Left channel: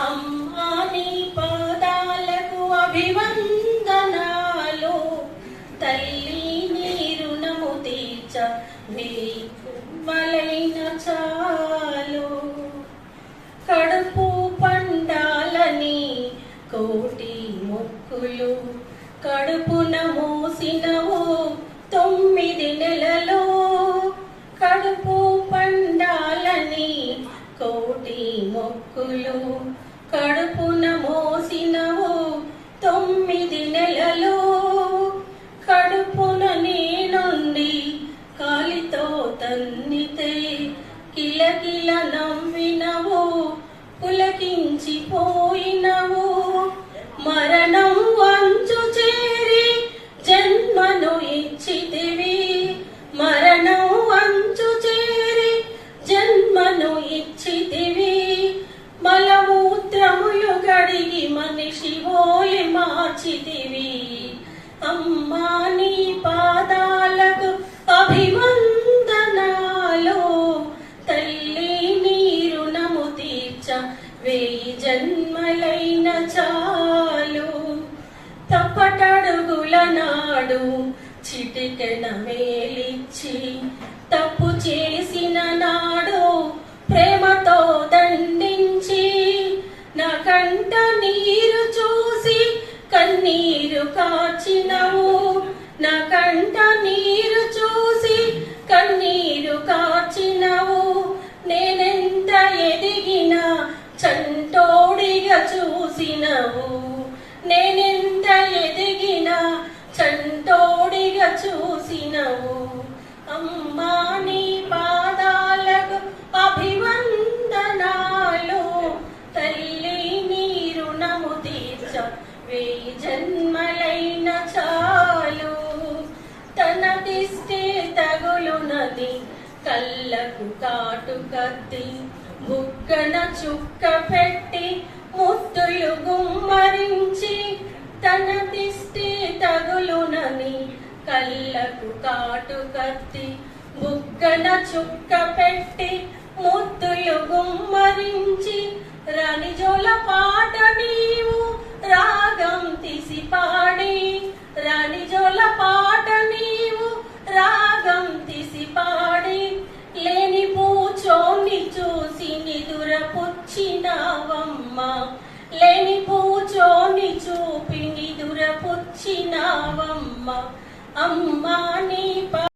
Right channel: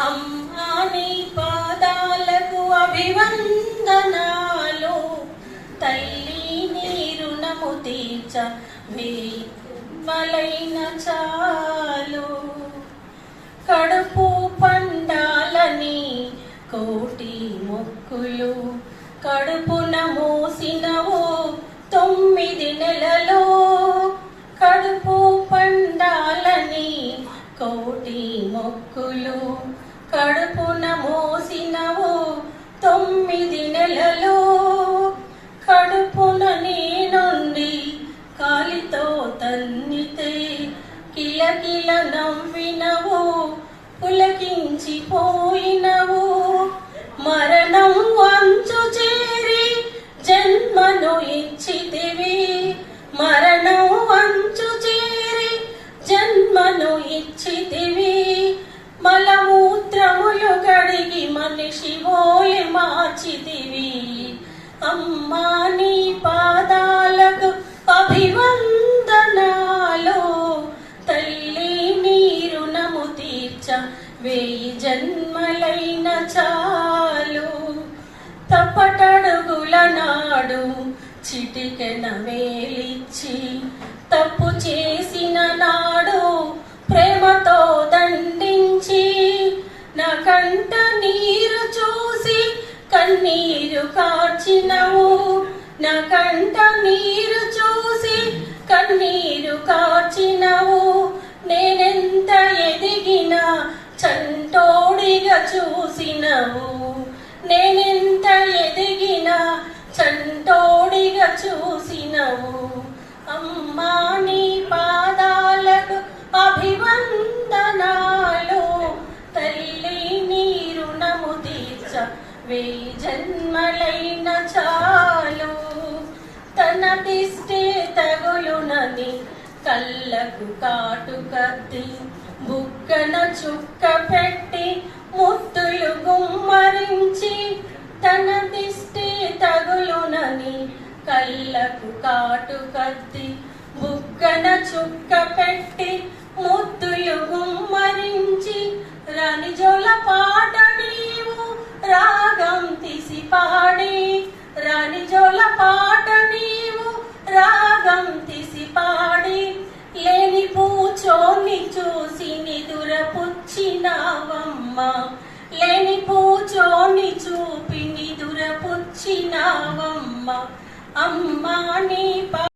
అమ్మాని పాదాలకు అభివందనాలు. తల్లి నీరుణము తీర్చ మీ మలైన చాలు. కడుపు పండాలని కోటి మొక్కులు కడుపున మూసినవు తొమ్మిది నెలలో. కడుపు పండాలని కోటి మొక్కులు కడుపున మోసినవు తొమ్మిది నెలలో. కడుపున నేనుండి కాలితో తన్నితే కిలకిల నవ్విన మార్చితివి అమ్మా నీ పాదాలకు అభివందనాలు. తల్లి నీ రుణము తీర్చ వేయి జన్మలైన చాలు. తప్పటడుగుల నాడు చిటికెన వేలిచ్చి తప్పు చే కన్నీరు కార్చినవు. నా కంట నీరు చూసి కన్నీరు కార్చినవు. నేనెంత ఎదిగినా చంటోడిగా చూసినవు. నేనెంత ఎదిగినా చంటోడిగా చూసినవు. అమ్మా వెయ్యి జన్మలైన చాలు. తన దిష్టి తగులునని కళ్ళకు కాటు కత్తి బుక్కన చుక్క పెట్టి ముత్తులు గుమ్మరించి తన దిష్టి తగులునని కళ్ళకు కాటు కత్తి బుగ్గన చుక్క పెట్టి ముద్దులు గుమ్మరించి రాణి జోలపా లేని పూచోని చూపి నిదుర పుచ్చినావమ్మ అమ్మా నీ